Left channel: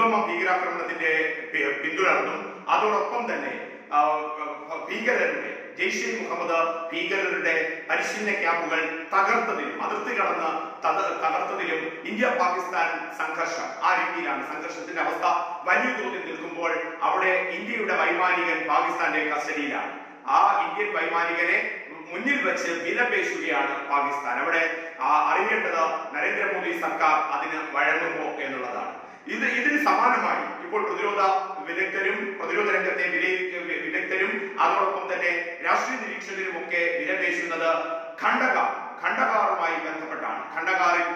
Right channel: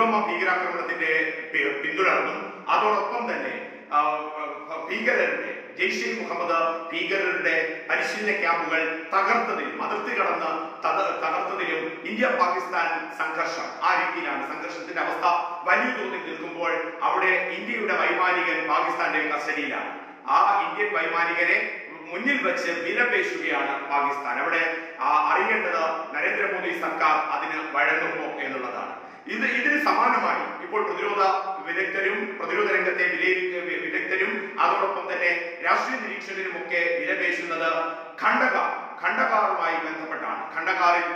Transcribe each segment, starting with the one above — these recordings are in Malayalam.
പുൽവാമ ഭീകരാക്രമണത്തിന്റെ പിന്തുടർന്നും അതോടൊപ്പം തന്നെ ഭീകരരുടെ ജെയ്ഷെ മുഹമ്മദ് ഭീകരരുടെ പരിശീലന ക്യാമ്പുകൾ തകർത്തതിലും അതിർത്തി കടന്ന് തകർത്തതിലും ഇന്ത്യ പാകിസ്ഥാൻ സംഘർഷം ആ രീതിയിലാണ്. സംഘർഷത്തിന്റെ അവസ്ഥ വലിയ തോതിൽ നിൽക്കുമ്പോൾ അവിടെ ഇന്ത്യയുടെ വൈമാനികൻ പാകിസ്ഥാന്റെ കസ്റ്റഡിയിലാണ്. ആ ഇന്ത്യൻ വൈമാനികനെ മുന്നിൽ വെച്ച് വിലപേശുകയാണ് പാകിസ്ഥാൻ. അവിടെ അറിയേണ്ടത് നരേന്ദ്രമോദി സർക്കാർ അതിന് വഴങ്ങുമോ എന്നുള്ളതാണ്. ഇതിന് സമാനമായി ഇപ്പോൾ പ്രതിരോധ വിദഗ്ധരും പ്രതിരോധ രംഗത്തെ വിദഗ്ധരും അതോടൊപ്പം തന്നെ രാഷ്ട്രീയ നിരീക്ഷകരും ഒക്കെ വിലപേശുന്നത് ഖണ്ഡകാറുമായി ബന്ധപ്പെട്ടാണ്. ഖണ്ഡകാറിൽ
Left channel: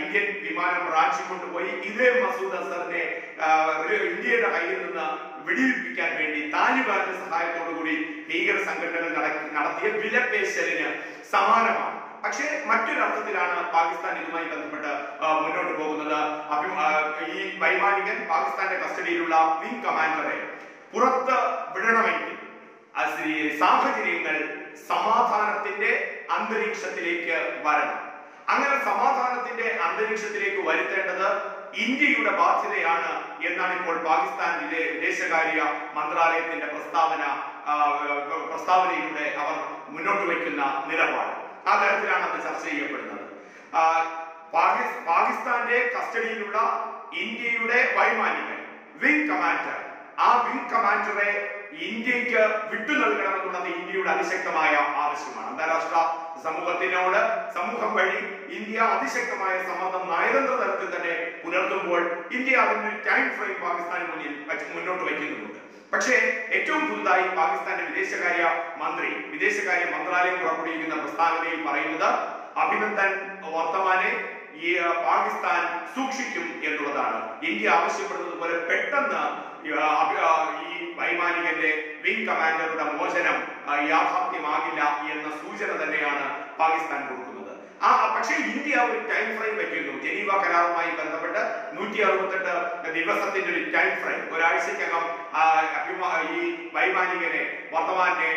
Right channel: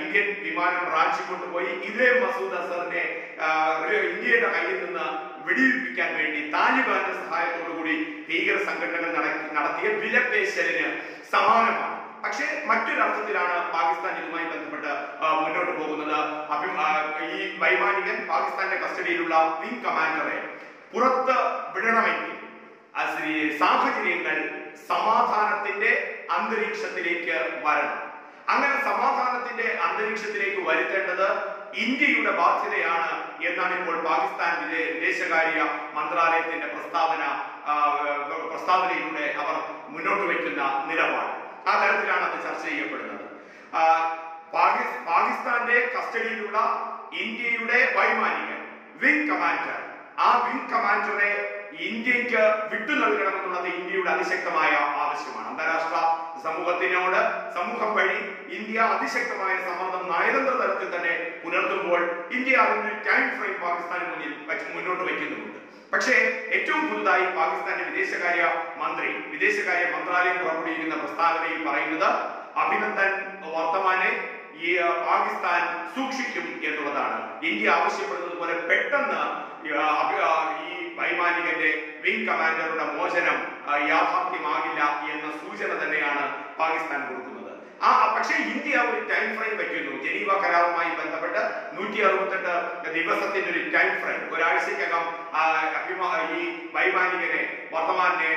ഇന്ത്യൻ വിമാനം റാഞ്ചി കൊണ്ടുപോയി ഇതേ മസൂദ് അസറിനെ ഇന്ത്യയുടെ കയ്യിൽ നിന്ന് വെടിവെപ്പിക്കാൻ വേണ്ടി താലിബാന്റെ സഹായത്തോടുകൂടി ഭീകര സംഘടനകൾ നടത്തിയ വിലപേശലിന് സമാനമാണ്. പക്ഷേ മറ്റൊരർത്ഥത്തിലാണ് പാകിസ്ഥാൻ ഇതുമായി ബന്ധപ്പെട്ട് മുന്നോട്ട് പോകുന്നത്. ഈ വൈമാനികൻ പാകിസ്ഥാന്റെ കസ്റ്റഡിയിലുള്ള വിംഗ് കമാൻഡറെ പുറത്ത് വിടണമെങ്കിൽ സാഹചര്യങ്ങൾ സമാധാനത്തിന്റെ അന്തരീക്ഷത്തിലേക്ക് വരണം. അങ്ങനെ സമാധാനത്തിന്റെ അന്തരീക്ഷത്തിലേക്ക് വരുത്തേണ്ടത് ഇന്ത്യയുടെ ബാധ്യതയാണ് എന്നാണ് ഇപ്പോൾ പാകിസ്ഥാൻ വിദേശകാര്യ മന്ത്രാലയത്തിന്റെ പ്രസ്താവനയിലൂടെ അവർ മുന്നോട്ട് വയ്ക്കുന്ന നിലപാട്. ആ തരത്തിലാണ് അത് ചർച്ച ചെയ്യപ്പെടുന്നത്. പാകിസ്ഥാന്റെ കസ്റ്റഡിയിലുള്ള ഇന്ത്യയുടെ വൈമാനികൻ വിംഗ് കമാൻഡർ, ആ വിംഗ് കമാൻഡറെ ഇന്ത്യക്ക് വിട്ടു നൽകണമെന്നുള്ളത് ഇന്ത്യയുടെ അതിശക്തമായ ആവശ്യമാണ്. അന്താരാഷ്ട്ര സമൂഹം വഴി ഇന്ത്യ അതിശക്തമായ സമ്മർദ്ദം നയതന്ത്ര തലത്തിൽ തന്നെ പുലർത്തുമ്പോൾ ഇന്ത്യ അതിന്റെ ടൈം ഫ്രെയിം പാകിസ്ഥാന് മുന്നോട്ട് വയ്ക്കുന്നുമുണ്ട്. പക്ഷേ ഏറ്റവും പുതുതായി പാകിസ്ഥാന്റെ വിദേശകാര്യ മന്ത്രാലയം പുറപ്പെടുവിക്കുന്ന പ്രസ്താവനയിൽ പറയുന്നത് അഭിനന്ദൻ വർത്തമാനെ ഈ പാകിസ്ഥാൻ സൂക്ഷിക്കും എന്നുള്ളതാണ്. ഇന്ത്യ ആവശ്യപ്പെടുന്നത് പോലെ പെട്ടെന്ന് ഈ വൈമാനികന്റെ വിംഗ് കമാൻഡറുടെ മോചനം യാഥാർത്ഥ്യമാകില്ല എന്ന സൂചന തന്നെയാണ് പാകിസ്ഥാൻ കൊടുക്കുന്നത്. പക്ഷേ ഇന്ത്യ ഒരു ടൈം ഫ്രെയിം വയ്ക്കുന്നു. ജനീവ കരാറുമായി ബന്ധപ്പെട്ട് 168 ദിവസത്തിന്റെ ഒരു ടൈം ഫ്രെയിം, ഒരാഴ്ചക്കകം ഈ വൈമാനികനെ വർത്തമാനെ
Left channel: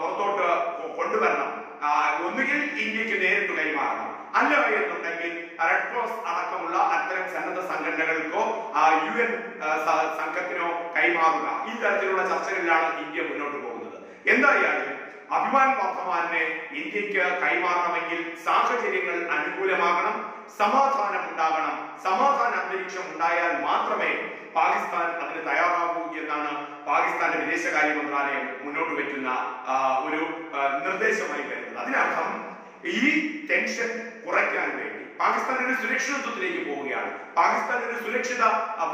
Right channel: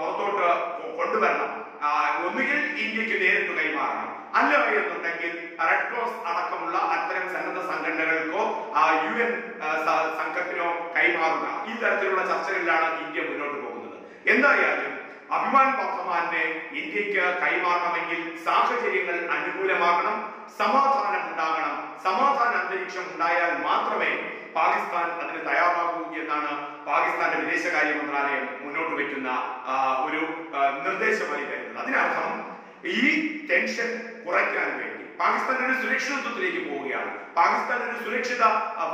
പുറത്തോട്ട് കൊണ്ടുവരണം. ഒന്നുകിൽ ഇന്ത്യക്ക് നേരിട്ട് കൈമാറണം, അല്ല എന്നുണ്ടെങ്കിൽ റെഡ് ക്രോസ് അടക്കമുള്ള അത്തരം സന്നദ്ധ സംഘടനകൾക്കോ UN സംഘത്തിനോ കൈമാറുക. ഈ തരത്തിലുള്ള ചർച്ചകളിലാണ് ഇന്ത്യ മുന്നോട്ട് പോകുന്നത്. എന്തായാലും അഭിമാൻ വർത്തമാനെ ഇന്ത്യക്ക് കൈമാറണമെങ്കിൽ സാഹചര്യങ്ങൾ അനുകൂലമാകണം, സമാധാനം ഉണ്ടാകണം. സമാധാന അന്തരീക്ഷം ഉണ്ടായാൽ മാത്രമേ പാകിസ്ഥാൻ അതിന് തയ്യാറാകൂ എന്നാണ് പാകിസ്ഥാന്റെ വിദേശകാര്യ മന്ത്രാലയം മുന്നോട്ട് വയ്ക്കുന്ന ഒരു നിർദ്ദേശമായി വരുന്നത്. അതിനർത്ഥം ഈ ടെൻഷൻ കുറയ്ക്കാൻ വേണ്ടി പാകിസ്ഥാൻ ഒരു സുരക്ഷിതത്വത്തിലേക്ക് പോവുകയാണ്. പാകിസ്ഥാൻ ഒരു സുരക്ഷിത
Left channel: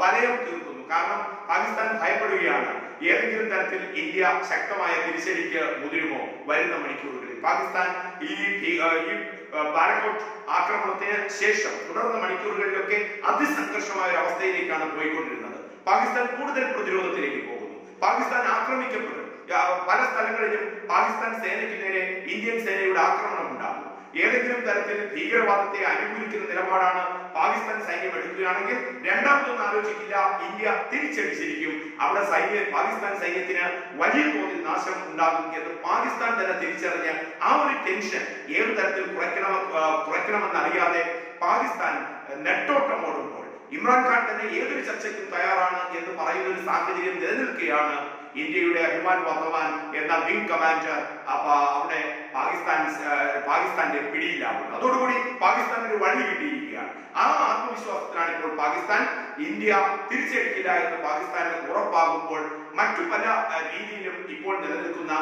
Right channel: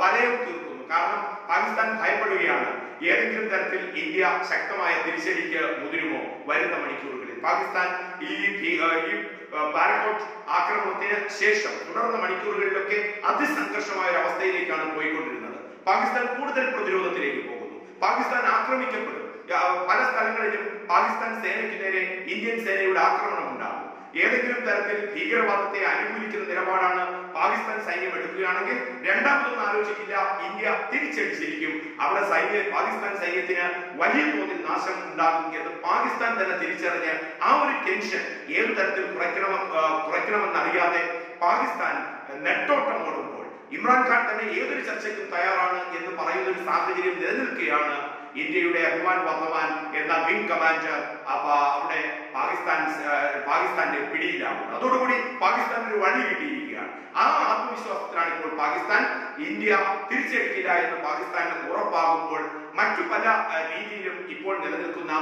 വലയം തീർക്കുന്നു. കാരണം പാകിസ്ഥാൻ ഭയപ്പെടുകയാണ് ഏതെങ്കിലും തരത്തിൽ ഇന്ത്യ ശക്തമായ തിരിച്ചടിക്ക് മുതിരുമോ വരുന്ന മണിക്കൂറുകളിൽ. പാകിസ്ഥാൻ ഈ ബാലക്കോട്ട് ആക്രമണത്തിന് ശേഷം തുടർന്ന മണിക്കൂറുകളിലൊക്കെ അതിസംഘർഷമായ ഒരു അവസ്ഥയിലേക്കാണ് പോയിക്കൊണ്ടിരുന്നത്. പാകിസ്ഥാൻ കൂടുതൽ പ്രതിരോധത്തിലേക്ക് പോകുന്നു. പാകിസ്ഥാൻ ആക്രമിക്കപ്പെടും. പല സ്ഥലങ്ങളിലും പാകിസ്ഥാൻ സേനയ്ക്ക് നേരെ ഇന്ത്യൻ സേനയുടെ ആക്രമണം ഉണ്ടാകും. ഏതെങ്കിലും തരത്തിൽ ഭീകരവാദത്തെ അനുകൂലിക്കുന്ന നിലപാടാണ് പാകിസ്ഥാൻ സൈന്യം എടുക്കുകയാണെങ്കിൽ രണ്ടാമതൊന്നും ആലോചിക്കില്ല, ഇന്ത്യ തിരിച്ചടിച്ചിരിക്കും. അവിടെ പാകിസ്ഥാൻ സൈന്യത്തിന് വലിയ തോതിൽ നാശം ഉണ്ടാകും എന്ന് പാകിസ്ഥാൻ തന്നെ തിരിച്ചറിഞ്ഞ് ആ ഒരു ടെൻഷൻ ഏതു തരത്തിൽ കുറയ്ക്കണമെന്നറിയാതെ പാകിസ്ഥാൻ നെട്ടോട്ടമോടുമ്പോൾ ഇമ്രാൻഖാൻ തന്നെ ഏതൊരു ചർച്ചയ്ക്കും തയ്യാറാണ് എന്ന് പറയുന്ന ഒരു സാഹചര്യം നിലനിൽക്കുകയാണ് ഇന്ത്യയുടെ അഭിമാൻ വർത്തമാൻ എന്ന വിംഗ് കമാൻഡർ അവിടെ പാകിസ്ഥാന്റെ പിടിയിലാവുന്നത്. അതോടുകൂടി പാകിസ്ഥാൻ ഒരു വഴി കിട്ടിയിരിക്കുകയാണ്. ആ ആത്മവിശ്വാസത്തിലാണ് ഇപ്പോൾ പാകിസ്ഥാൻ. ഇന്ത്യ തിരിച്ചടിക്കില്ല എന്ന് പാകിസ്ഥാന് ഉറപ്പാകുമ്പോൾ മറ്റു പല രീതിയിലും ഇപ്പോൾ നിലനിൽക്കുന്ന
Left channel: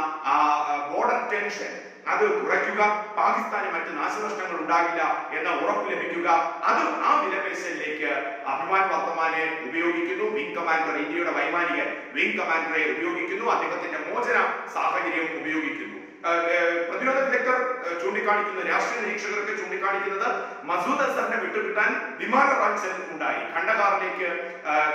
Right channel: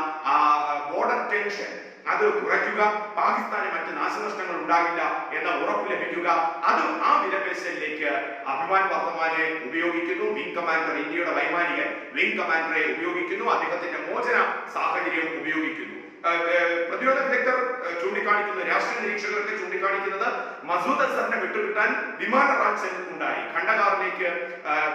ബോർഡർ ടെൻഷൻ അത് കുറയ്ക്കുക, പാകിസ്ഥാന് മറ്റ് നാശനഷ്ടങ്ങൾ ഉണ്ടാകില്ല എന്ന ഉറപ്പ് ലഭിക്കുക, അത് ആ വിലപേശലിലേക്ക് അഭിമാൻ വർത്തമാനെ ഉപയോഗിക്കുന്നു. വിംഗ് കമാൻഡർ, ഇന്ത്യയുടെ വൈമാനികൻ വിംഗ് കമാൻഡറെ ഉപയോഗിക്കുന്നു. അദ്ദേഹത്തിന്റെ മോചന സാഹചര്യം ഉപയോഗിക്കുന്നു. പ്രതിരോധ വിദഗ്ധർ ചൂണ്ടിക്കാണിക്കുന്ന, രാഷ്ട്രീയ നിരീക്ഷകർക്ക് ചൂണ്ടിക്കാണിക്കുന്നത് മസൂദ് അസറിനെ വിട്ടുകിട്ടാൻ വിമാന റാഞ്ചൽ ഉണ്ടായി. ഖണ്ഡകാറിലേക്ക്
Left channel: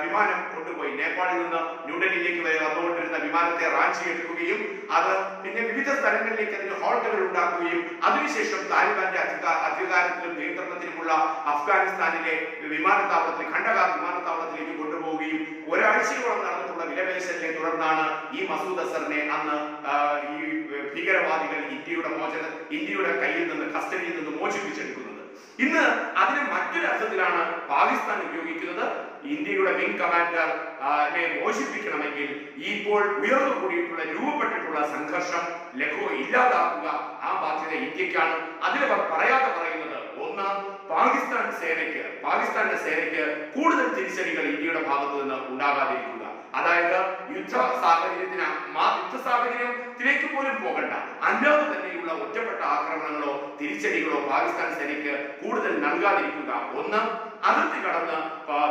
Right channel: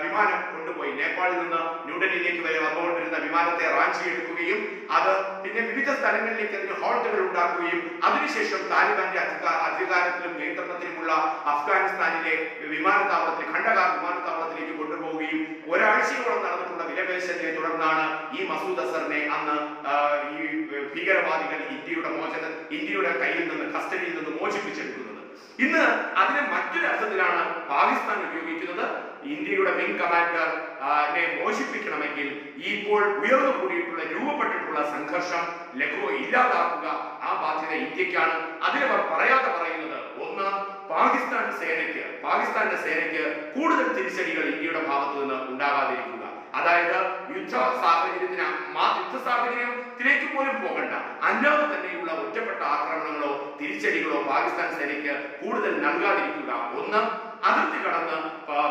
വിമാനം കൊണ്ടുപോയി നേപ്പാളിൽ നിന്ന് ന്യൂഡൽഹിയിലേക്ക് വരെ വന്നുകൊണ്ടിരുന്ന വിമാനത്തെ റാഞ്ചി എടുക്കുകയും അത് പിന്നെ വിവിധ സ്ഥലങ്ങളിലേക്ക് അതിന് ഹോൾട്ടുകൾ ഉണ്ടാക്കുകയും അതിനുശേഷം താലിബാന്റെ അധികാരത്തിലും നിയന്ത്രണത്തിലുമുള്ള അഫ്ഗാനിസ്ഥാനിലെ വിമാനത്താവളത്തിൽ ഖണ്ഡകാർ വിമാനത്താവളത്തിലേക്ക് കൊണ്ടുപോവുകയും ഒരാഴ്ചയോളം നടന്നിട്ടുള്ള വിലപേശലിനെ തുടർന്നാണ് ഈ മസൂദ് അസറിനെ അന്ന് ഈ ഭീകരവാദികൾ ഇന്ത്യയുടെ കയ്യിൽ നിന്ന് കസ്റ്റഡിയിൽ നിന്ന് മോചിപ്പിച്ചെടുക്കുന്നത്. ഇന്ന് അതിന് മറ്റൊരു അർത്ഥത്തിലാണ് പാകിസ്ഥാൻ പാകിസ്ഥാൻ ഉപയോഗിക്കുന്നത് ഇന്ത്യയുടെ വിംഗ് കമാൻഡർ മോചിപ്പിക്കണമെങ്കിൽ ഇപ്പോൾ ഉയർന്നു കൂടിയിട്ടുള്ള രൂപപ്പെട്ടിട്ടുള്ള സംഘർഷം ഇല്ലാതാക്കുക, ആ ബാധ്യത ഇന്ത്യക്കാണ്. അതിലവർ പറയാതെ പറയുന്നത്, ഒന്ന്, പാകിസ്ഥാന്റെ സേനയ്ക്ക് കൂടുതൽ തിരിച്ചടികൾ ഇന്ത്യയുടെ ഭാഗത്ത് നിന്ന് ഉണ്ടാകാതിരിക്കുക. അതായത് യുദ്ധ സാഹചര്യത്തിലേക്ക് പോലും പോകണ്ട, അല്ലാതെ തന്നെയുള്ള ഒറ്റപ്പെട്ട ആക്രമണങ്ങളോ തിരിച്ചടികളോ പാകിസ്ഥാൻ സേനയ്ക്ക് കൂടുതൽ നൽകാതിരിക്കുക. ഒന്ന്, അതിർത്തി കടന്ന്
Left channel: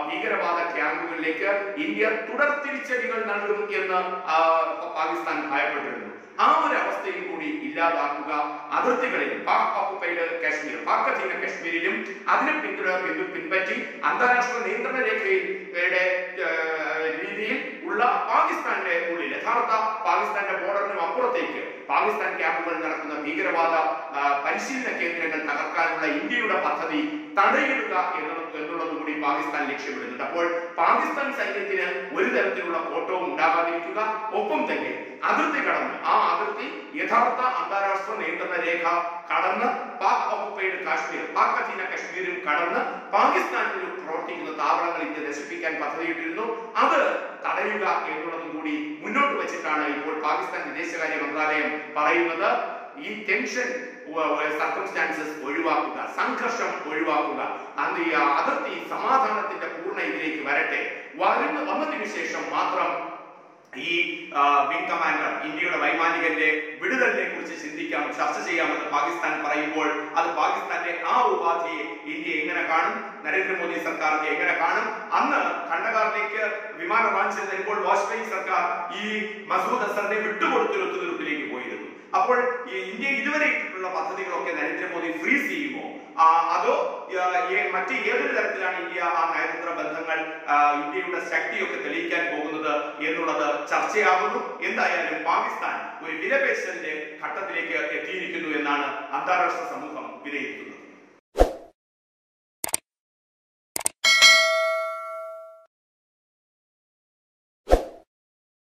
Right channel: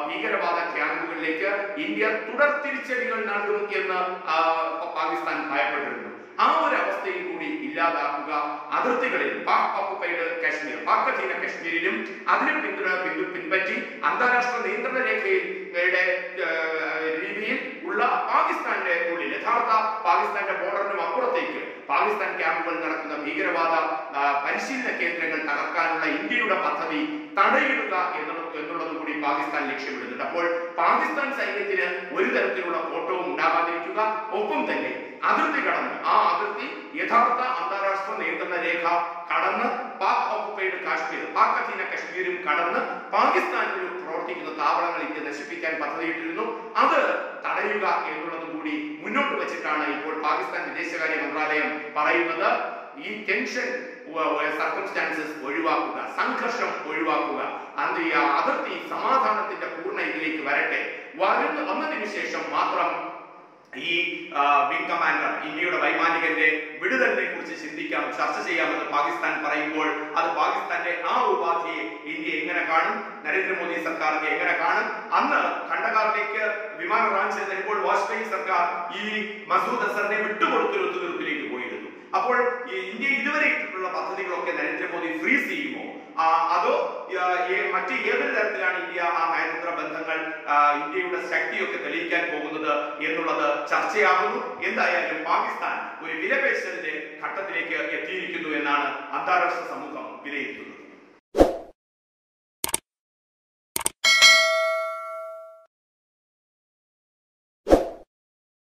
ഭീകരവാദ ക്യാമ്പുകളിലേക്ക് ഇന്ത്യ തുടർ തിരിച്ചടികൾ നൽകും എന്ന് പാകിസ്ഥാൻ ഭയപ്പെട്ടിരുന്നു. ആ ഒരു അവസ്ഥയും കൂടി ഇല്ലാതാക്കുക. അതിർത്തികളിൽ പാക് ഓക്കുപൈഡ് കാശ്മീർ, പാക് അധീന കാശ്മീരിലും അതിനെ പിൻപറ്റി അന്താരാഷ്ട്ര നിയന്ത്രണ രേഖയുടെ രീതിയിൽ ഉള്ള പാകിസ്ഥാന്റെ ഉള്ളിൽ, യഥാർത്ഥ പാകിസ്ഥാന്റെ ബോർഡറിനും അപ്പുറത്തേക്ക് പാകിസ്ഥാൻ ക്യാമ്പുകളിൽ നടക്കുന്ന ഭീകരവാദ പരിശീലന കേന്ദ്രങ്ങൾ തകർക്കാനുള്ള ഇന്ത്യയുടെ പദ്ധതി തടയിടുക എന്നുള്ളത് കൂടി പാകിസ്ഥാൻ ലക്ഷ്യമിടുന്നുണ്ട്. അപ്പോൾ പാകിസ്ഥാൻ സൈന്യത്തിന് ഒരു തരത്തിലുള്ള കോട്ടവും ഉണ്ടാകാതിരിക്കുക, ഒപ്പം തന്നെ അതിർത്തി കടന്ന്, ആ അതിർത്തി യഥാർത്ഥ അന്താരാഷ്ട്ര നിയന്ത്രണ രേഖ കടന്ന് പാക് ഓക്കുപൈഡ് കാശ്മീർ, പാക് അധീന കാശ്മീരും കടന്ന് പാകിസ്ഥാനിൽ പ്രവർത്തിക്കുന്ന താവളങ്ങൾ ഇന്ത്യ നശിപ്പിക്കാൻ പദ്ധതിയിട്ടിരുന്നു. അത് തടയുക എന്നുള്ളതും കൂടി മുന്നോട്ട് വെച്ചിട്ടാണ് ഇപ്പോൾ പാകിസ്ഥാൻ വിദേശകാര്യ മന്ത്രാലയം പറയുന്നത്. ഈ ടെൻഷൻ സർക്കംസ്റ്റാൻസസ് ഒഴിവാക്കുക, സംഘർഷം ഒഴിവാക്കുക, അതിർത്തി സമാധാനത്തിന്റെ പൂർണ്ണ ഇതിലേക്ക് വരട്ടെ. വന്നതിനു ശേഷം മാത്രം ഈ വിംഗ് കമാൻഡർ, ഇന്ത്യയുടെ വൈമാനികന്റെ വിടുതലിനെ കുറിച്ച് ചിന്തിക്കാം, ചർച്ച ചെയ്യാമെന്ന് പാകിസ്ഥാൻ പറയുമ്പോൾ അത് പാകിസ്ഥാന്റെ ആ ഉപാധിയെ ഇന്ത്യ എങ്ങനെ കാണും, നരേന്ദ്രമോദി സർക്കാർ എങ്ങനെ കാണും? അന്ന് ഖണ്ഡകാറിലേക്ക് വിമാനം റാഞ്ചി വരുമ്പോൾ വാജ്പേയി സർക്കാർ ഈ മസൂദ് അസറിനെ വിട്ടുകൊടുത്തൊരു ഒത്തുതീർപ്പിലേക്ക് പോയിരുന്നു. അപ്പോൾ ഇന്ത്യ ഇതുവരെ ഇട്ടിട്ടുള്ള പദ്ധതികളൊക്കെ നരേന്ദ്രമോദി ഫ്രീസ് ചെയ്യുമോ, അതോ മറ്റ് ഏതൊരു തരത്തിലാണ് ഇന്ത്യ ആ നയതന്ത്ര ബന്ധങ്ങൾ, ഇന്ത്യയുടെ ശക്തിയൊക്കെ തെളിയിക്കാൻ പോകുന്നത് എന്നുള്ളത് ചർച്ചയാകുന്നു. എന്തായാലും പാകിസ്ഥാൻ ഒരു വിലപേശലിന്റെ ഘട്ടത്തിലേക്ക് എത്തിയിരിക്കുന്നു എന്നാണ് അന്താരാഷ്ട്ര സമൂഹം വിലയിരുത്തുന്നത്.